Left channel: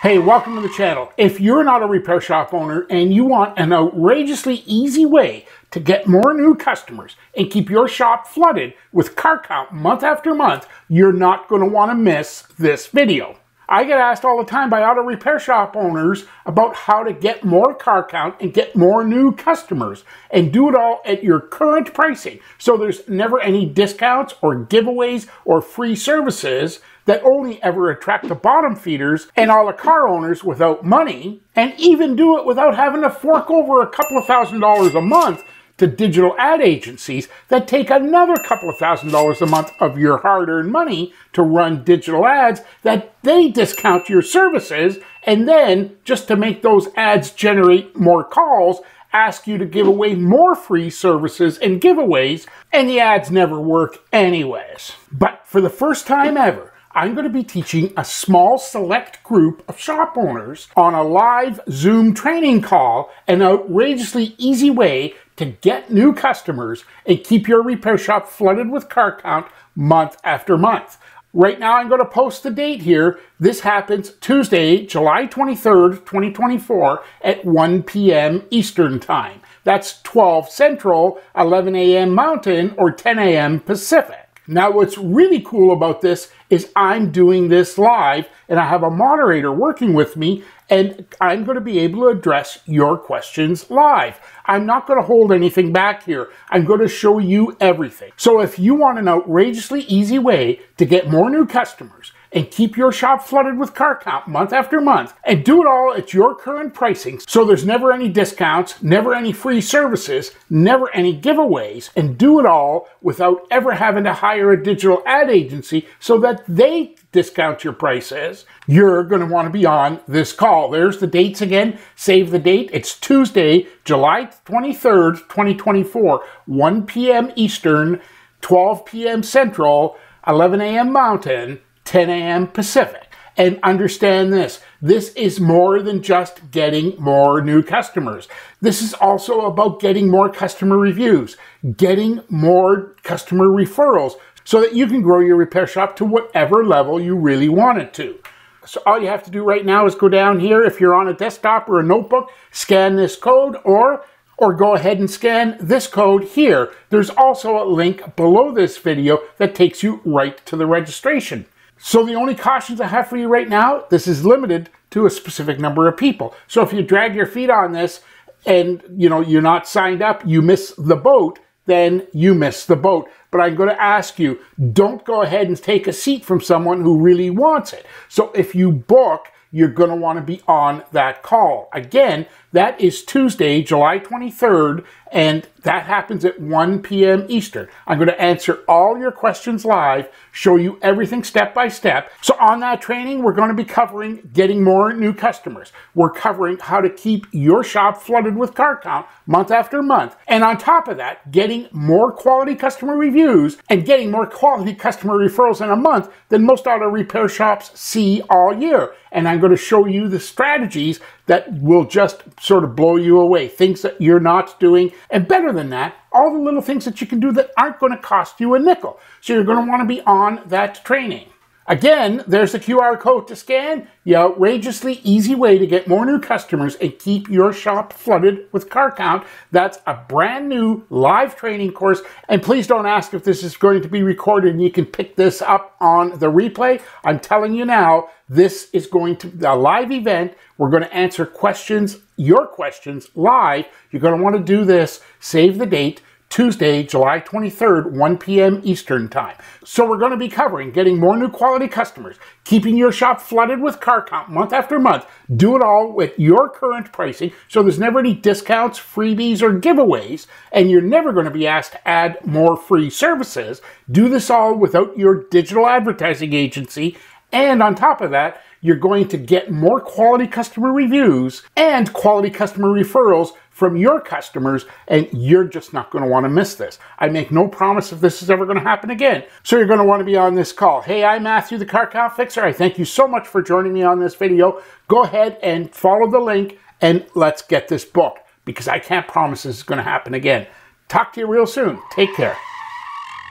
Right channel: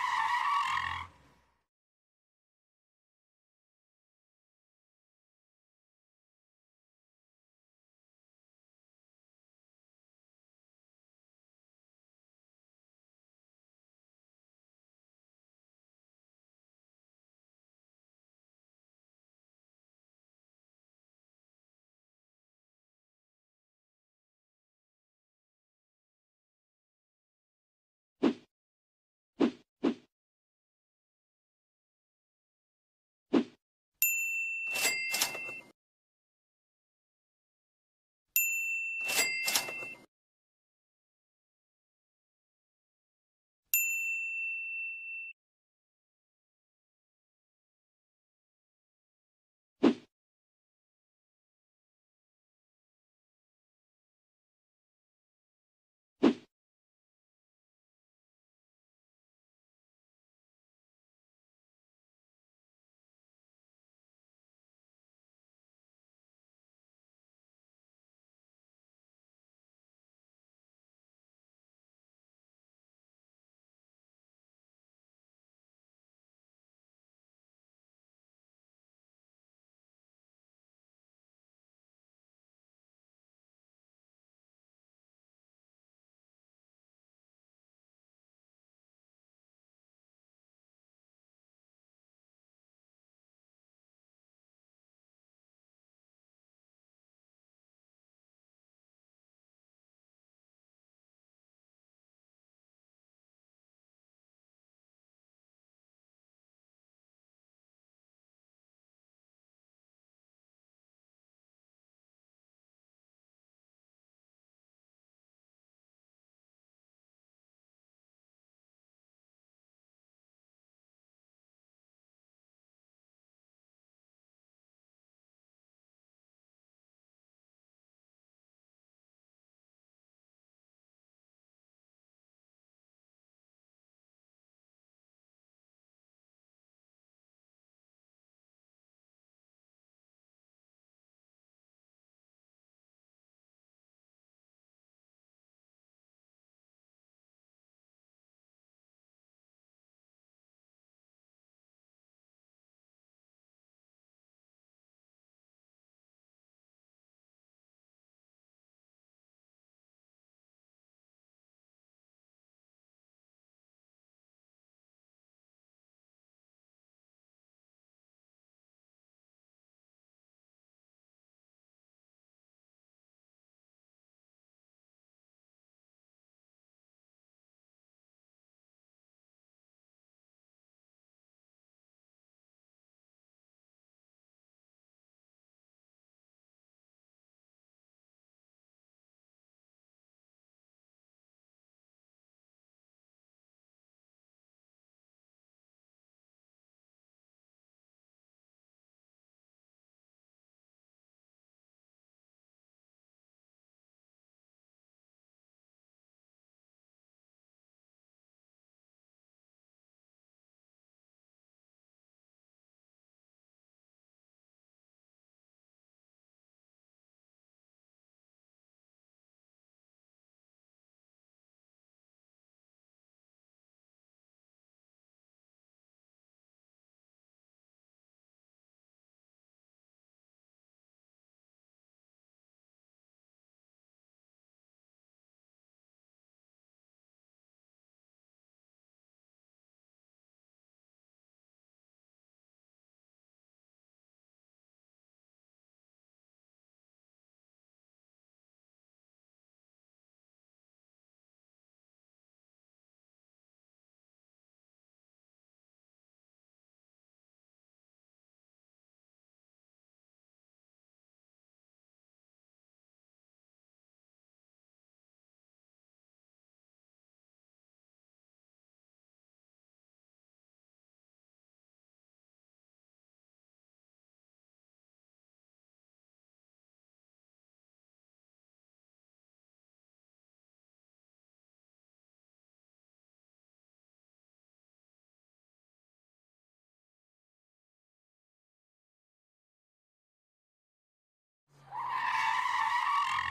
Hey, welcome to the channel. If you're not a repair shop owner and you want an outrageously easy way to get more new customers and keep your shop flooded with car count month after month, you're not going to want to miss this video. I get asked all the time by auto repair shop owners about how to get more car count and get more new customers and do it all at your current pricing. So there's never any discounts or giveaways or free services that only ever attract the bottom feeders and all the car owners without money, and even do it without having to fork over a couple of $1,000s a month to digital ad agencies that take another couple of $1,000s a month of your hard-earned money to run digital ads that they discount your services, and then just to make those ads generate more calls, ask you to give away more free services and giveaways, and the ads never work anyways. But for the first time ever, I'm going to be teaching a small select group of shop owners on a live Zoom training call an outrageously easy way to get new customers and keep your repair shop flooded with car count month after month. Right now I'm going to post the date here. This happens Tuesday, July 23rd, 2024 at 1 p.m. Eastern Time. That's 12 Central, 11 a.m. Mountain, or 10 a.m. Pacific. Now, what's really cool about this is I'm doing this live and I have a moderator working with me, and I'm going to be able to address your questions live. I'm not going to hold anything back here. I'm going to show you everything. So if you want an outrageously easy way to get more new customers and keep your shop flooded with car count month after month, and do it all at your current pricing, so there's never any discounts, never any free services, never any giveaways, and do it all without ever having to hire a digital ad agency so that they discount your prices, you're going to want to be on this call. There's the dates again. Save the date. It's Tuesday, July 23rd, 2024, 1 p.m. Eastern, 12 p.m. Central, 11 a.m. Mountain, 10 a.m. Pacific. And understand this is more than just getting more new customers. This is also about getting more customer reviews, getting more customer referrals, so that you can grow your repair shop to whatever level you really want it to. So all you have to do right now is go down here. If you're on a desktop or a notebook, scan this code, or go ahead and scan this code here. There's also a link below this video that takes you right to the registration. So the only cautions I have for you right now, this is limited to a specific number of people. So if you drag your feet on this and you're not signed up, you miss the boat, then you miss the boat. But I'm going to ask you, don't go ahead and take a seat from someone who really wants it. So if you book, you're going to want to be on that call. Again, that is Tuesday, July 23rd, and that happens at 1 p.m. Eastern. I'm going to answer all your questions live, show you everything step by step. So on that training, we're going to be covering getting more new customers. We're covering how to keep your shop flooded with car count month after month. And on top of that, getting more quality customer reviews and getting more quality customer referrals in a month than most auto repair shops see all year. And I'm going to show you the strategies that will just sort of blow you away, things that you're not doing. And better than that, all the little things that you can do that aren't going to cost you a nickel. So you're going to want to be on that training. Again, there's the QR code to scan. The outrageously easy way to get more new customers and keep your shop flooded with car count. That's a brand new live training course. And please don't ask if this is going to be recorded and you can pick this up on the replay. I'm telling you now, this is going to be a live event. We're going to answer questions, your questions, live. You're going to want to do this. Save the date. Tuesday, July 23rd, 1 p.m. Eastern Time. So we're going to be covering getting more new quality customers, keeping your shop flooded with car count month after month, do it all with your current pricing, so there's never any discounts, freebies, or giveaways, and you're never going to be asked to add more free services. Do this all without your digital advertising agency, and on top of that, you're going to get more quality customer reviews and quality customer referrals from your customers, and you're just not going to want to miss this. I make no promise if this is ever going to happen again. So you're going to want to be on this call. Hey, I'm Matthew, the Car Count Fixer. I thank you so much for joining me on this video. Go ahead and follow the link, and let's get this booked, because I can't promise this is going to happen again. Talk to you real soon. Take care.